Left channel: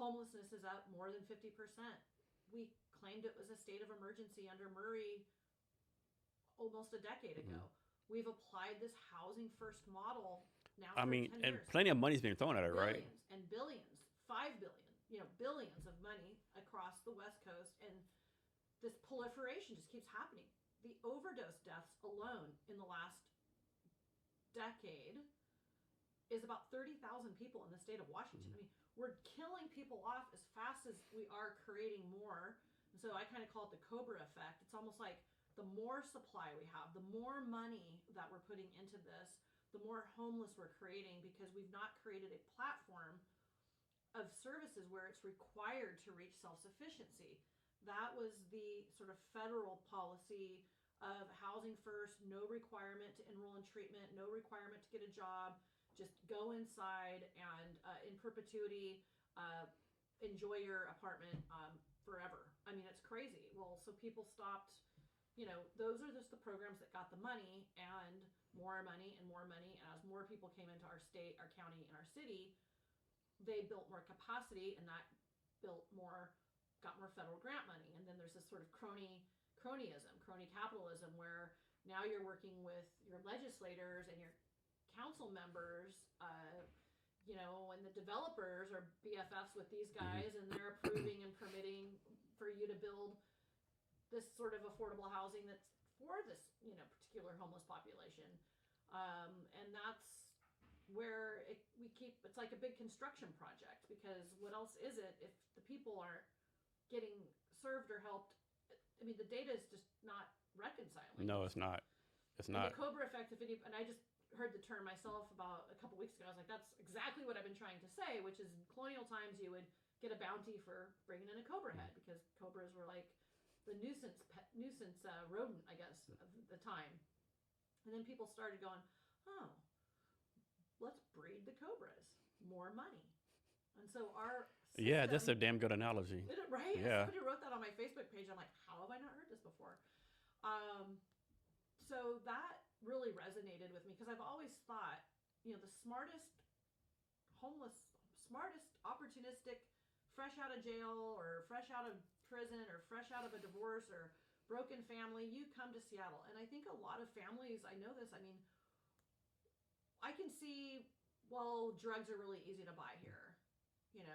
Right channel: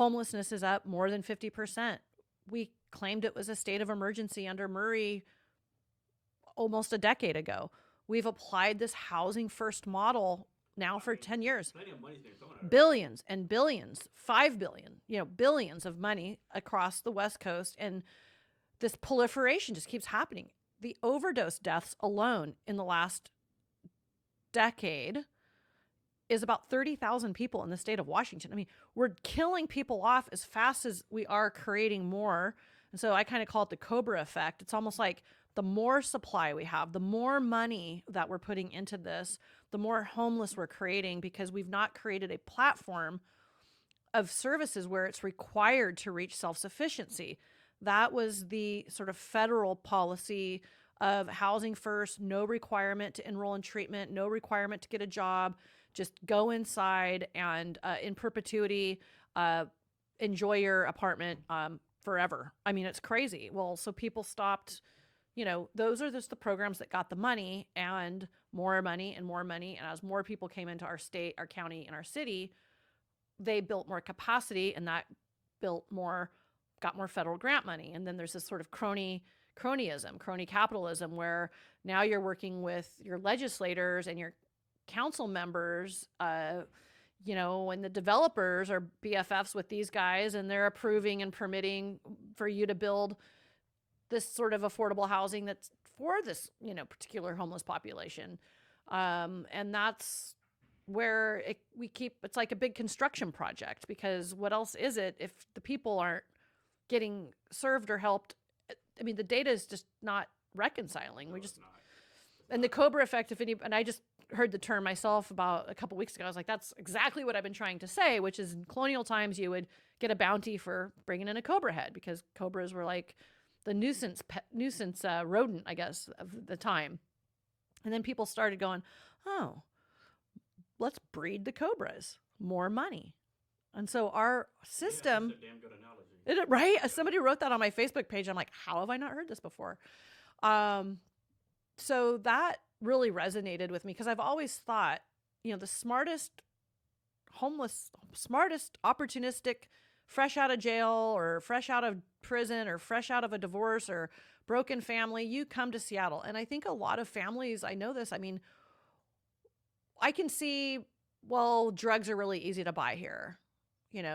Homelessness is up more than 50%. We claimed it was a state of emergency under Murray almost a decade ago. We've applied this housing first model now for 10 years. Plenty of money's being thrown at it. Billions and billions, 5 billion, billions of money across the West Coast. And this proliferation just keeps happening. The overdose deaths alone in the last decade is about 30,000 people in the state of Washington. I mean, we're killing people off as fast as we are creating more. And so I kind of call it the Cobra Effect. It's almost like the more supply we have, the more money that we're putting into this, the more homeless we're creating, because we've not created a platform of services where it's required to reach self-sufficiency. That was the sort of federal policy of housing first, no requirement to enroll in treatment, no requirement to get a job, just go inside and in perpetuity, enjoy your apartment forever. I mean, it's crazy. Well, so people stopped, those are just the programs that got the money and more money and more money. And as more people came into our state, our county, and our city, they built more capacity, and that got more federal grant money. And then there's this sort of crony capitalism, where now you're working with your legislators and your council members, and the developers are BFFs with these guys, and they're approving and permitting for you to build this sort of affordable housing that's for this, particular homeless population. And that's where it's like a big construction project, because what else is it if the people aren't getting served or helped? I mean, the data is just not reconciling. No, it's not. And the Cobra Effect, and I just heard the term myself about a couple weeks ago. I was like, that's exactly what I've been trying to say, which is in colonial times, you would get a bounty for bringing in a cobra head, because cobras were like the nuisance rodent, I guess, of the time. And then people started going, oh, let's breed the cobras, more money. And so our system... Yeah, that's a damn good analogy. Right? Yeah. Somebody wrote that on my Facebook page. I'm like, how have I not heard this before? So that really resonated with me, because I've always thought, the smartest, opportunistic, fresh out of jail or fresh out of prison or fresh out of a divorce or broken family, you come to Seattle. And I think a lot of families, I know this, I mean, I can see, well, drugs are really easy to buy here.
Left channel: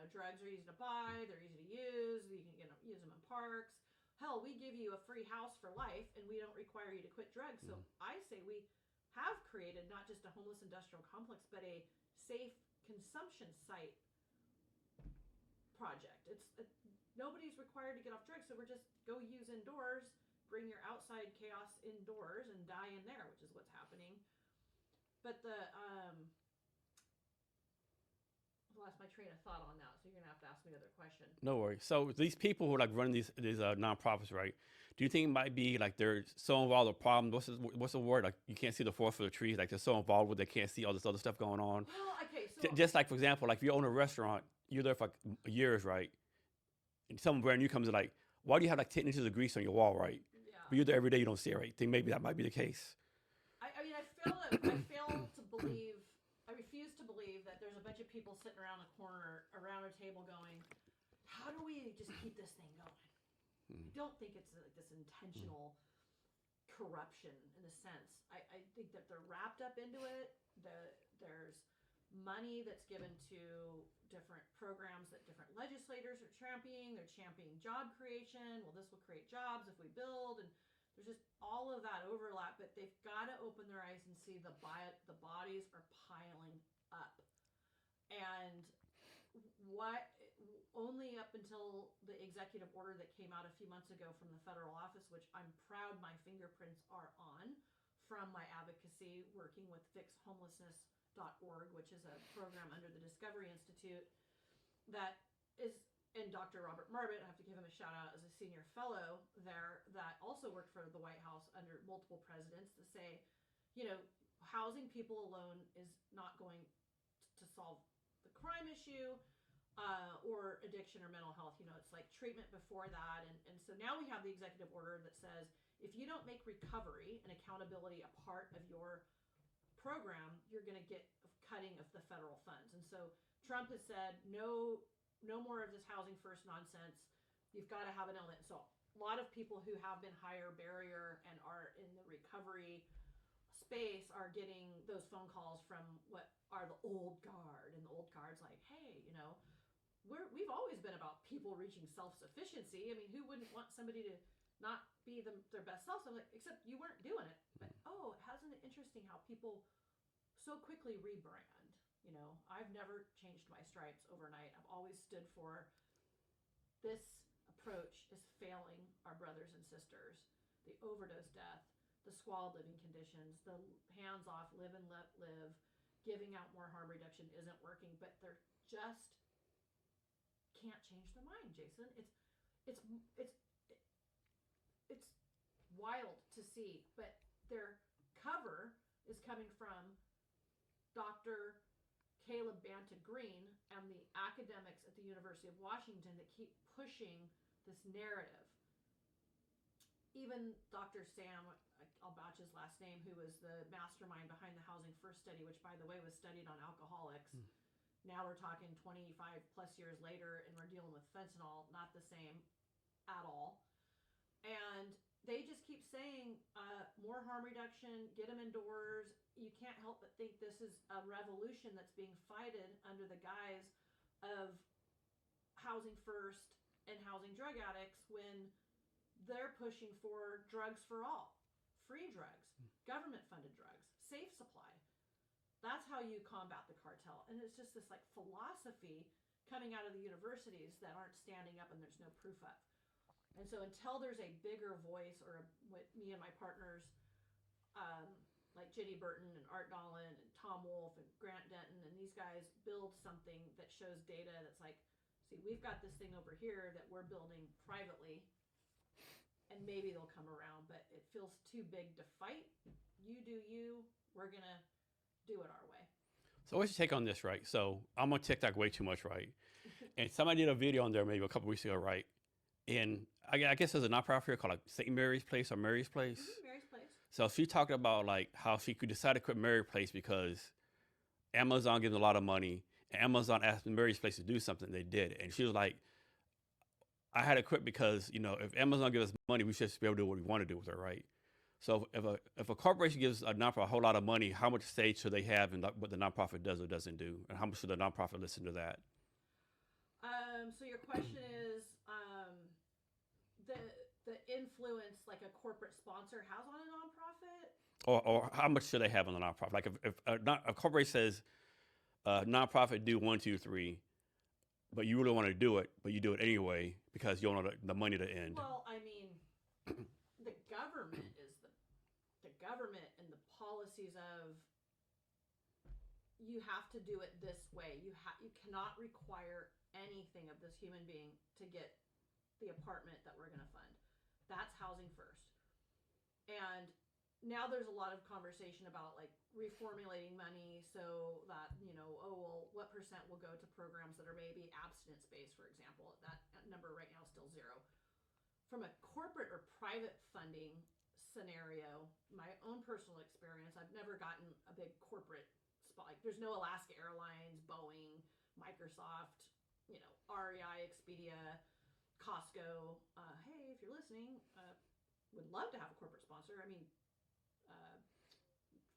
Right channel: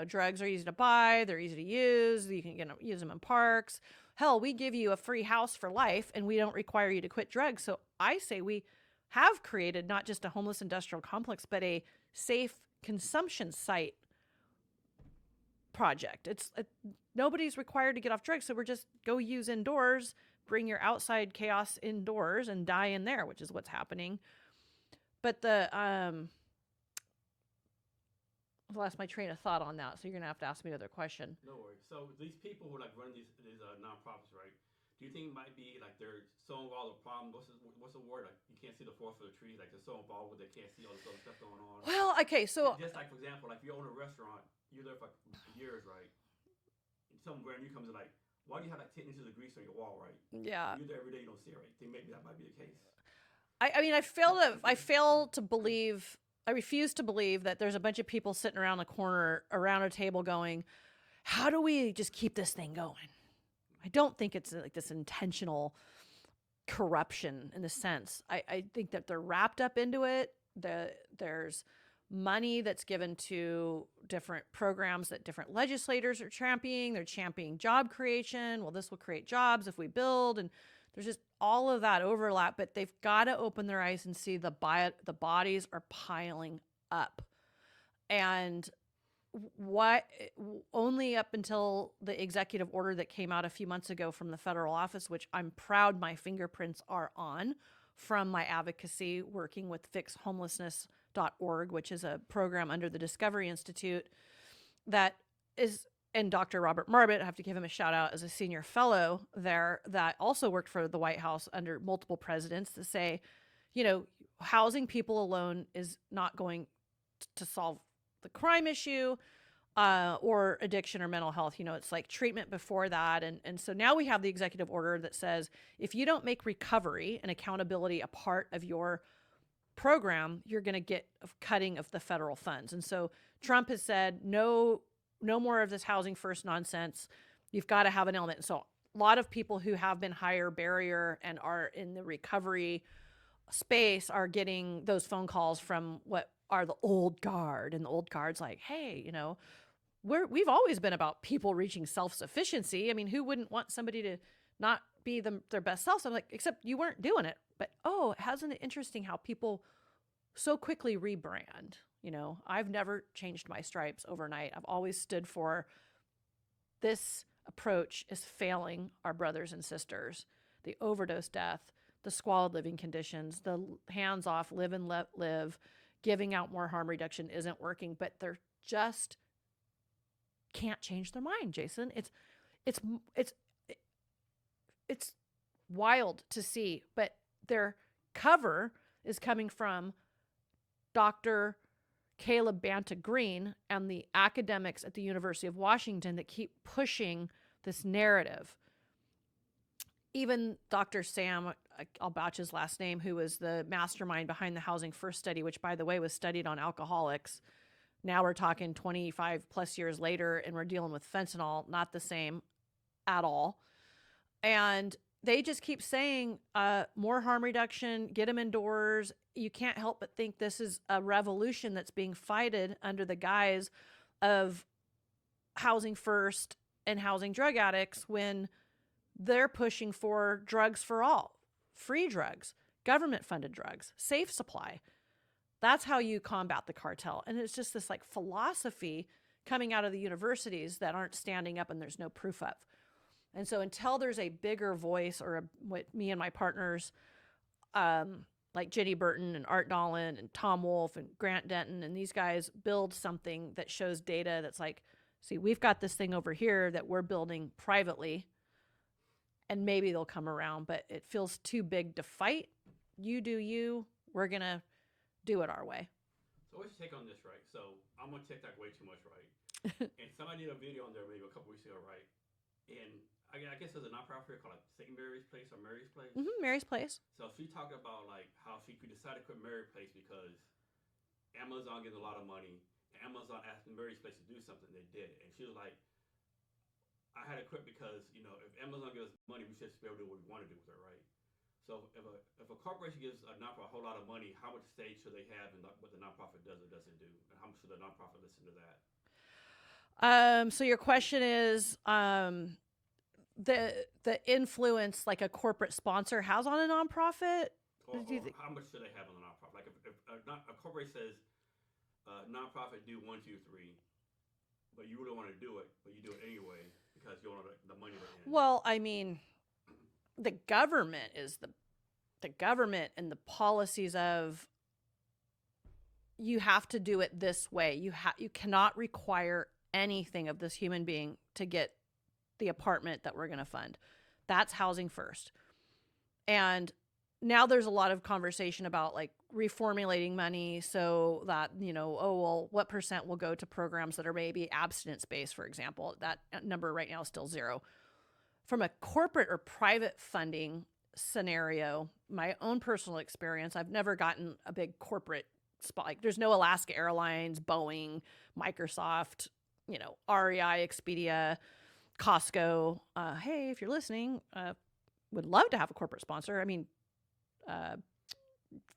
Drugs are easy to buy. They're easy to use. You can use them in parks. Hell, we give you a free house for life, and we don't require you to quit drugs. So I say we have created not just a homeless industrial complex, but a safe consumption site project. Nobody's required to get off drugs, so we're just go use indoors, bring your outside chaos indoors, and die in there, which is what's happening. But I lost my train of thought on that, so you're gonna have to ask me another question. No worries. So these people who run these nonprofits, right? Do you think it might be like they're so involved with problems? What's the word? Like you can't see the forest for the trees. Like they're so involved with, they can't see all this other stuff going on. Well, okay, so just like, for example, like if you own a restaurant, you're there for years, right? And someone brand new comes in, like, why do you have like 10 inches of grease on your wall, right? Yeah. You're there every day, you don't see it, right? Think maybe that might be the case. I refuse to believe that there's a bunch of people sitting around the corner, around a table going, how do we just keep this thing going? I don't think it's like this intentional corruption in the sense. I think that they're wrapped up into it. There's money that's given to different programs that different legislators are championing. They're championing job creation. Well, this will create jobs if we build. And there's just all of that overlap. But they've got to open their eyes and see the bodies are piling up. And only up until the executive order that came out a few months ago from the federal office, which I'm proud my fingerprints are on from my advocacy working with fixhomelessness.org, which is a program under the Discovery Institute that is, and Dr. Robert Marbut, I have to give him a shout out as a senior fellow there that also worked for the White House under multiple presidents, to say, housing people alone is not going to solve the crime issue or addiction or mental health. It's like treatment before that. And so now we have the executive order that says if you don't make recovery and accountability a part of your program, you're going to get a cutting of the federal funds. And so Trump has said no no more of this housing first nonsense. You've got to have an element. So a lot of people who have been higher barrier and are in the recovery space are getting those phone calls from what are the old guard, and the old guard's like, hey, you know, we've always been about people reaching self-sufficiency. I mean, who wouldn't want somebody to not be their best self? I'm like, except you weren't doing it. But hasn't it interesting how people so quickly rebrand? You know, I've never changed my stripes overnight. I've always stood for this approach is failing our brothers and sisters. The overdose death, the squalid living conditions, the hands off, live and let live, giving out more harm reduction isn't working, but they're just can't change their mind, Jason. It's wild to see, but their cover is coming from Dr. Caleb Banta Green and the academics at the University of Washington that keep pushing this narrative. Even Dr. Sam, I'll botch his last name, who was the mastermind behind the Housing First study, which, by the way, was studied on alcoholics. Now we're talking 25 plus years later, and we're dealing with fentanyl, not the same at all. And they just keep saying more harm reduction, get them indoors. You can't help but think this is a revolution that's being fighted under the guise of housing first and housing drug addicts when they're pushing for drugs for all, free drugs, government-funded drugs, safe supply. That's how you combat the cartel. And it's just this like philosophy coming out of the universities that aren't standing up and there's no proof of. And so until there's a bigger voice or what me and my partners, like Jenny Burton and Art Dolan and Tom Wolfe and Grant Denton and these guys build something that shows data that's like, see, we've got this thing over here that we're building privately, and maybe they'll come around, but it feels too big to fight. You do you. We're going to do it our way. So what's your take on this, right? So I'm on TikTok way too much, right? And somebody did a video on there maybe a couple weeks ago, right? And I guess there's a nonprofit here called like St. Mary's Place or Mary's Place. Mm-hmm, Mary's Place. So she talked about like how she could decide to quit Mary's Place because Amazon gives a lot of money, and Amazon asked Mary's Place to do something. They did, and she was like, "I had to quit because if Amazon gives us money, we should be able to do what we want to do with it, right?" So if a corporation gives a nonprofit a whole lot of money, how much say should they have in what the nonprofit does or doesn't do, and how much should the nonprofit listen to that? So your question is the influence like a corporate sponsor has on a nonprofit, or how much should they have on the nonprofit? Like if a corporation says nonprofit do 1, 2, 3, but you really want to do it, but you do it anyway because you don't know the money to end. Well, I mean, the government is the government and the policies of you have to do it this way. You cannot require anything of this human being to get the apartment that we're going to fund. That's housing first. And now there's a lot of conversation about like reformulating money so that, what percent will go to programs that are maybe abstinence-based, for example. That number right now is still 0. From a corporate or private funding scenario, my own personal experience, I've never gotten a big corporate spot. Like there's no Alaska Airlines, Boeing, Microsoft, REI, Expedia, Costco. Hey, if you're listening, would love to have a corporate sponsor. I mean,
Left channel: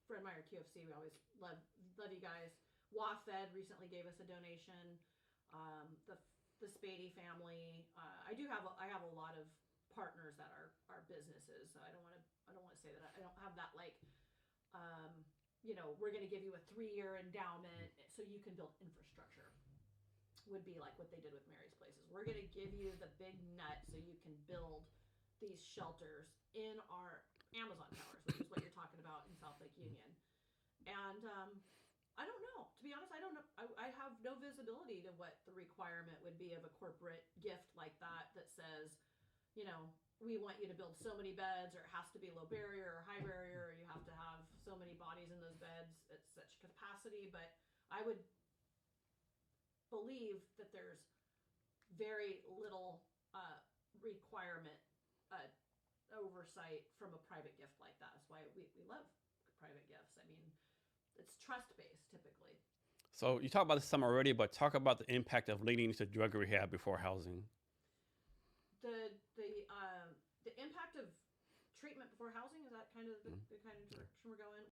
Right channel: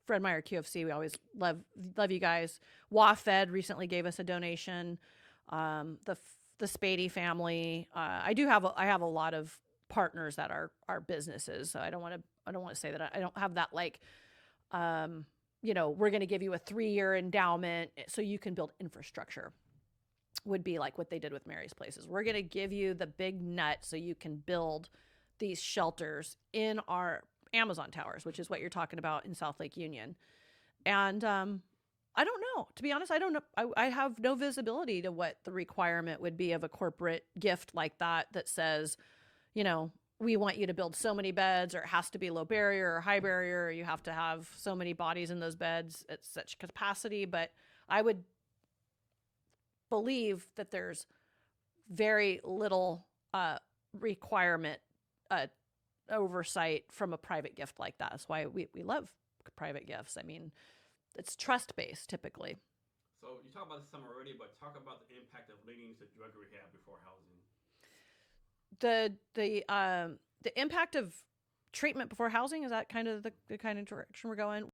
Fred Meyer QFC, we always love you guys. WaFed recently gave us a donation. The Spady family. I have a lot of partners that are businesses. So I don't want to say that I don't have that like, we're going to give you a 3-year endowment so you can build infrastructure. Would be like what they did with Mary's Places. We're going to give you the big nut so you can build these shelters in our Amazon towers, which is what you're talking about in South Lake Union. And I don't know. To be honest, I don't know. I have no visibility to what the requirement would be of a corporate gift like that says, we want you to build so many beds, or it has to be low barrier or high barrier, or you have to have so many bodies in those beds at such capacity. But I would believe that there's very little requirement oversight from a private gift like that. That's why we love private gifts. I mean, it's trust-based typically. So you talked about this some already, but talk about the impact of leading to drug rehab before housing. The impact of treatment before housing, is that kind of the kind of direction we're going?